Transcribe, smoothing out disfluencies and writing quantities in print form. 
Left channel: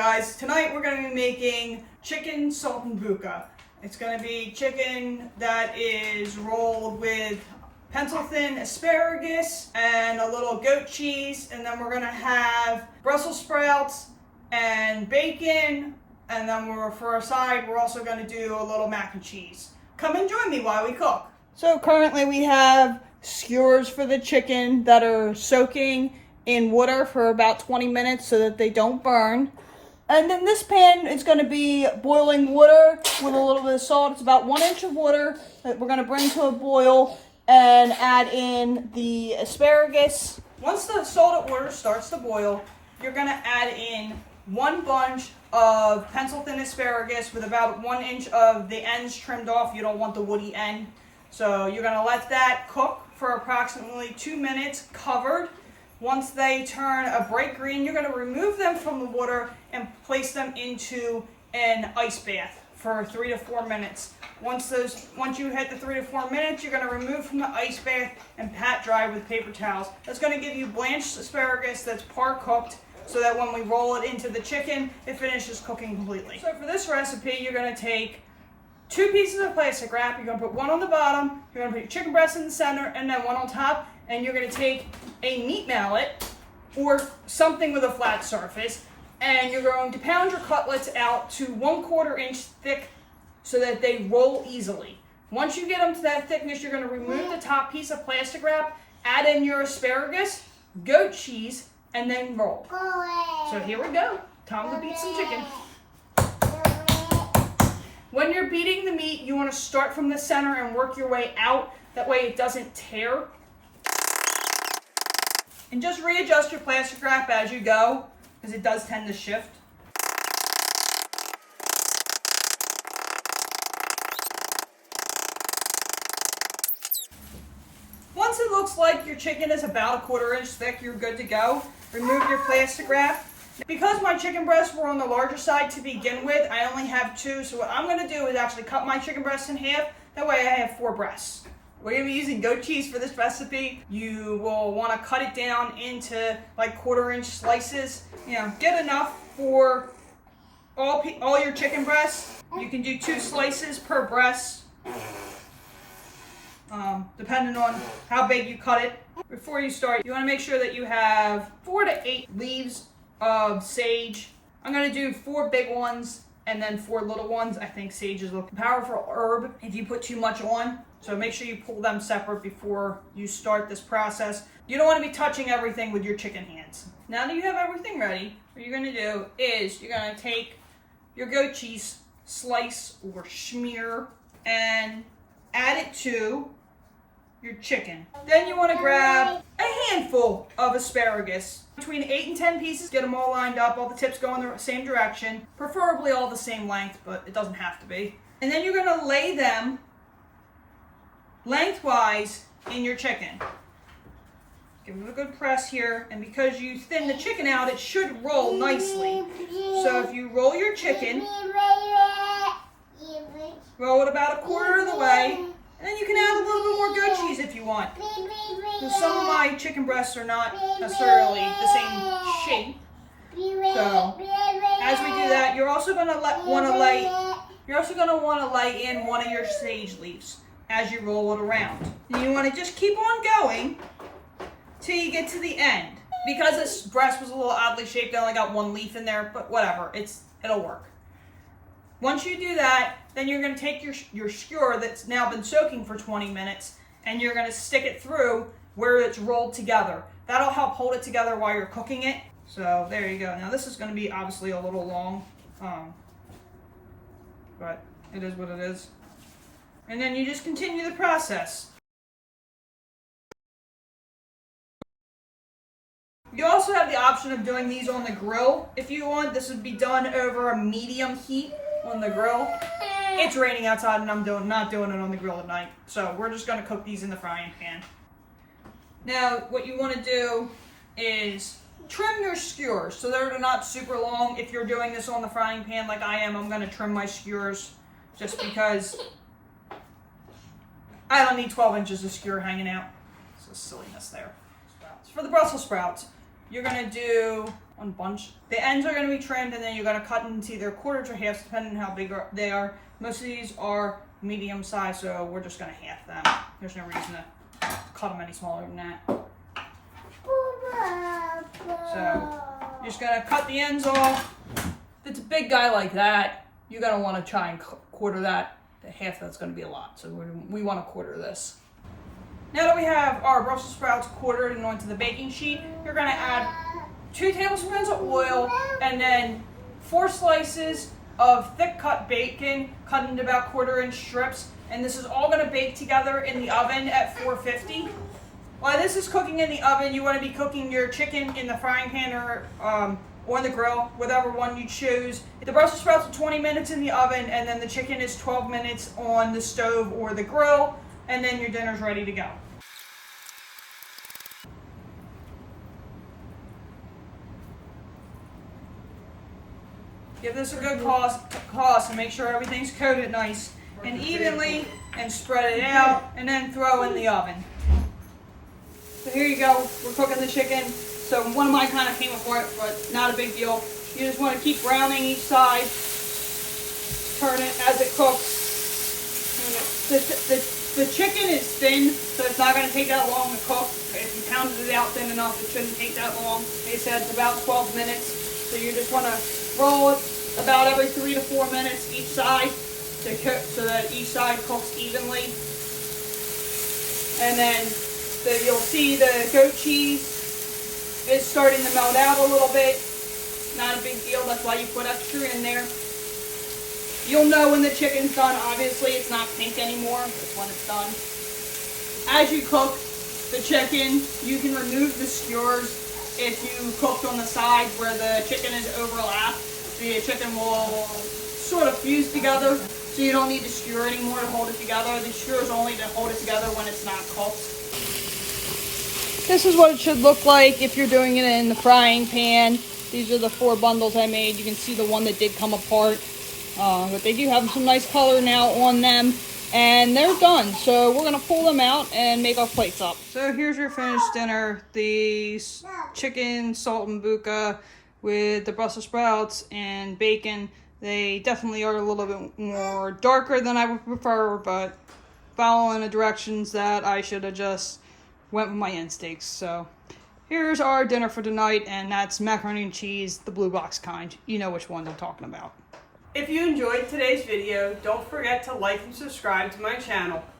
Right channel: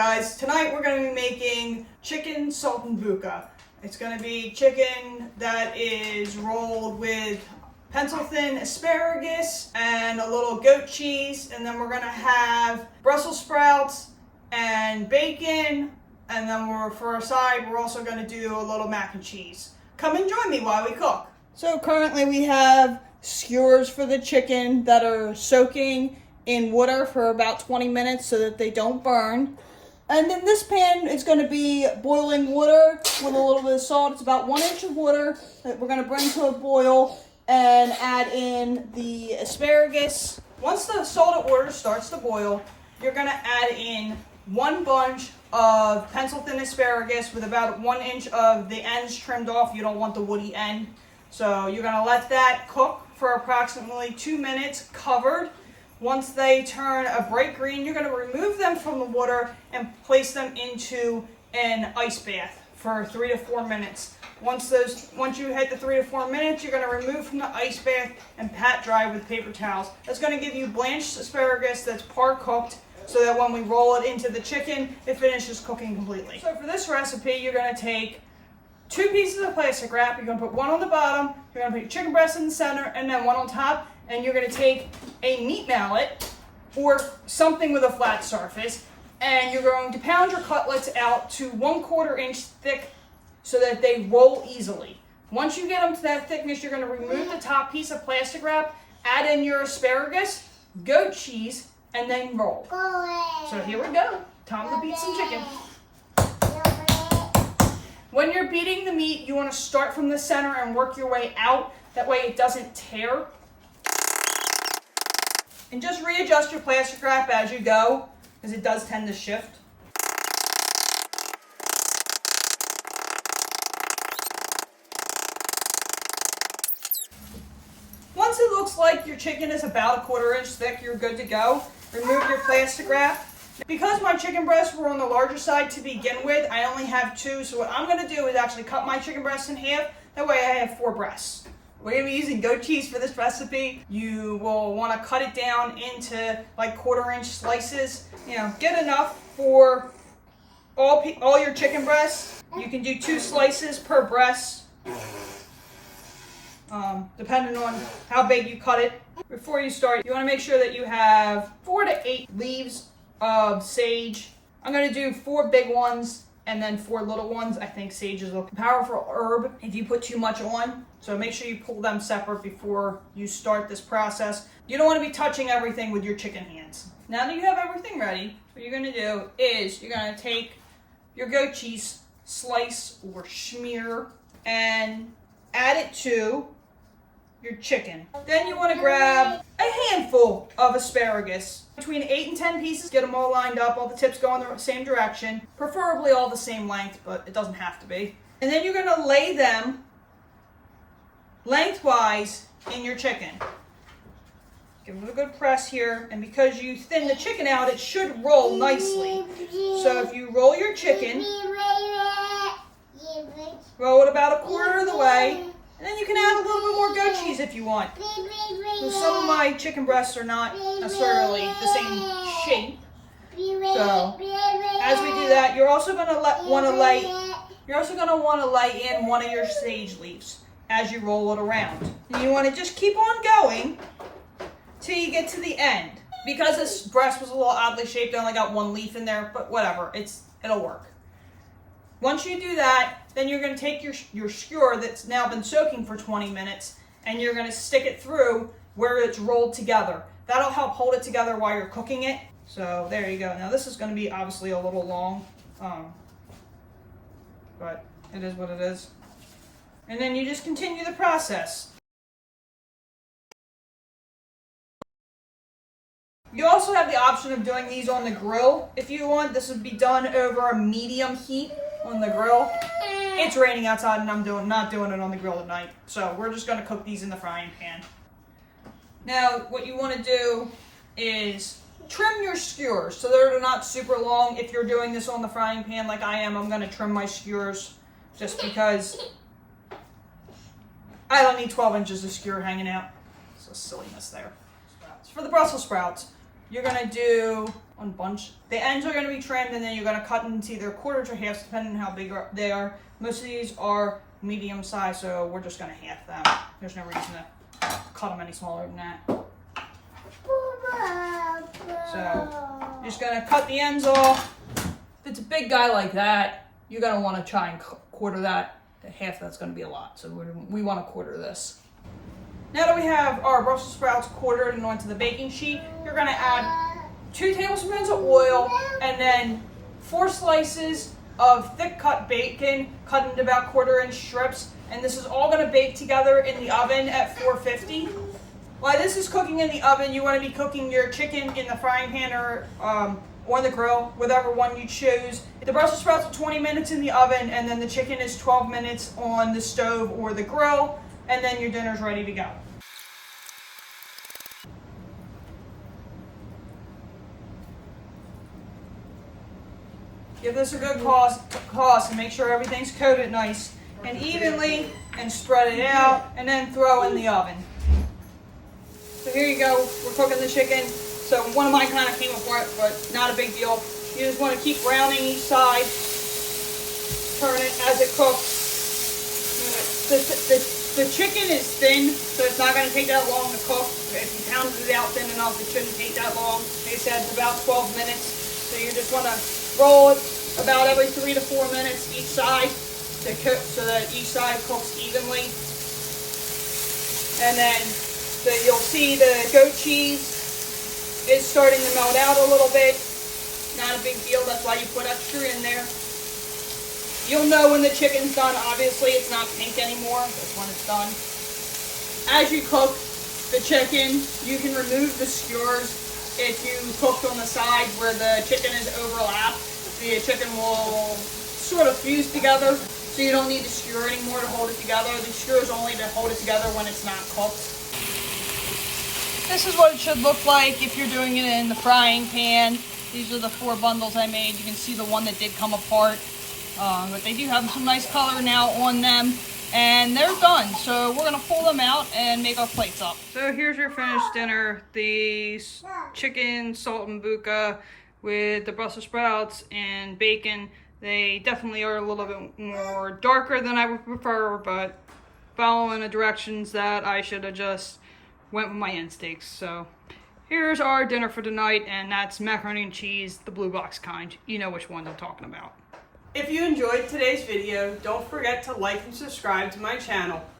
guys. Tonight we're going to be making chicken saltimbocca. It's going to be chicken that is rolled with pencil thin asparagus and a little goat cheese, and then we're going to have Brussels sprouts and bacon, and then for a side we're also going to do a little mac and cheese. Come and join me while we cook. So currently we have skewers for the chicken that are soaking in water for about 20 minutes so that they don't burn. And then this pan is going to be boiling water with a little bit of salt. It's about 1 inch of water that we're going to bring to a boil and add in the asparagus. Once the salted water starts to boil, you're going to add in 1 bunch of pencil thin asparagus with about 1 inch of the ends trimmed off. You don't want the woody end. So you're going to let that cook for approximately 2 minutes covered. Once they turn a bright green, you're going to remove them from the water and place them into an ice bath for 3 to 4 minutes. Once you hit the 3 to 4 minutes, you're going to remove from the ice bath and pat dry with paper towels. That's going to give you blanched asparagus that's par cooked, so that when we roll it into the chicken, it finishes cooking completely. So for this recipe, you're going to take 2 pieces of plastic wrap. You're going to put 1 on the bottom, you're going to put your chicken breast in the center, and then 1 on top. And you're going to take a meat mallet or something with a flat surface, and you're going to pound your cutlets out to 1/4 inch thick so that they roll easily. Once you get them to that thickness, you're going to remove the top piece of plastic wrap, add in your asparagus, goat cheese, and then roll. So here we go. Time to beat some chicken. When you're beating the meat, you want to start from the center and work your way out. That way it doesn't tear. And just readjust your plastic wrap as you go, because it does tend to shift. Once it looks like your chicken is about 1/4 inch thick, you're good to go. Remove your plastic wrap. Because my chicken breasts were on the larger side to begin with, I only have 2, so what I'm going to do is actually cut my chicken breasts in half. That way I have 4 breasts. We're going to be using goat cheese for this recipe. You will want to cut it down into like 1/4 inch slices. You know, get enough for all your chicken breasts. You can do 2 slices per breast, depending on how big you cut it. Before you start, you want to make sure that you have 4 to 8 leaves of sage. I'm going to do 4 big ones and then 4 little ones. I think sage is a powerful herb if you put too much on. So make sure you pull them separate before you start this process. You don't want to be touching everything with your chicken hands. Now that you have everything ready, what you're going to do is you're going to take your goat cheese slice or smear and add it to your chicken. Then you want to grab a handful of asparagus. Between 8 and 10 pieces, get them all lined up. All the tips go in the same direction, preferably all the same length, but it doesn't have to be. And then you're going to lay them lengthwise in your chicken. Give it a good press here, and because you thin the chicken out, it should roll nicely. So if you roll your chicken, roll it about 1/4 of the way, and then you can add a little bit more goat cheese if you want. So some of my chicken breasts are not necessarily the same shape. So as we do that, you're also going to want to lay in 1 of your sage leaves as you roll it around. And you want to just keep on going till you get to the end. Because this breast was a little oddly shaped, I only got 1 leaf in there, but whatever, it'll work. Once you do that, then you're going to take your skewer that's now been soaking for 20 minutes and you're going to stick it through where it's rolled together. That'll help hold it together while you're cooking it. So there you go. Now this is going to be obviously a little long, but it is what it is. And then you just continue the process. You also have the option of doing these on the grill if you want. This would be done over a medium heat on the grill. It's raining outside and I'm not doing it on the grill tonight. So we're just going to cook these in the frying pan. Now what you want to do is trim your skewers so they're not super long. If you're doing this on the frying pan like I am, I'm going to trim my skewers just because I don't need 12 inches of skewer hanging out. So silliness there. For the Brussels sprouts, you're going to do bunch. The ends are going to be trimmed, and then you're going to cut into either quarters or halves depending on how big they are. Most of these are medium size, so we're just going to half them. There's no reason to cut them any smaller than that. So you're just going to cut the ends off. If it's a big guy like that, you're going to want to try and quarter that. Half that's going to be a lot, so we want to quarter this. Now that we have our Brussels sprouts quartered and onto the baking sheet, you're going to add 2 tablespoons of oil and then 4 slices of thick cut bacon cut into about 1/4 inch strips, and this is all going to bake together in the oven at 450. While this is cooking in the oven, you want to be cooking your chicken in the frying pan or on the grill, whatever one you choose. The Brussels sprouts are 20 minutes in the oven, and then the chicken is 12 minutes on the stove or the grill, and then your dinner's ready to go. Give this a good toss and make sure everything's coated nice and evenly, and spread it out, and then throw in the oven. So here you go, we're cooking the chicken. So one of mine kind of came apart, but not a big deal. You just want to keep browning each side, turn it as it cooks. The chicken is thin, so it's not going to take that long to cook. If you pounded it out thin enough, it shouldn't take that long. They said it's about 12 minutes. So you just want to roll it about every 3 to 4 minutes each side to cook, so that each side cooks evenly. And then you'll see the goat cheese is starting to melt out a little bit. Not a big deal, that's why you put extra in there. You'll know when the chicken's done. Obviously it's not pink anymore, that's when it's done. As you cook the chicken, you can remove the skewers. If you cooked on the side where the chicken is overlapped, the chicken will sort of fuse together, so you don't need to skewer anymore to hold it together. The skewer is only to hold it together when it's not cooked. This is what it should look like if you're doing it in the frying pan. These are the 4 bundles I made. You can see the one that did come apart. But they do have some nice color now on them. And they're done. So we're going to pull them out and make our plates up. So here's your finished dinner. The chicken saltimbocca with the Brussels sprouts and bacon. They definitely are a little bit more darker than I would prefer, but following the directions that I should have just went with my instincts. So here's our dinner for tonight, and that's macaroni and cheese, the blue box kind. You know which one I'm talking about. If you enjoyed today's video, don't forget to like and subscribe to my channel.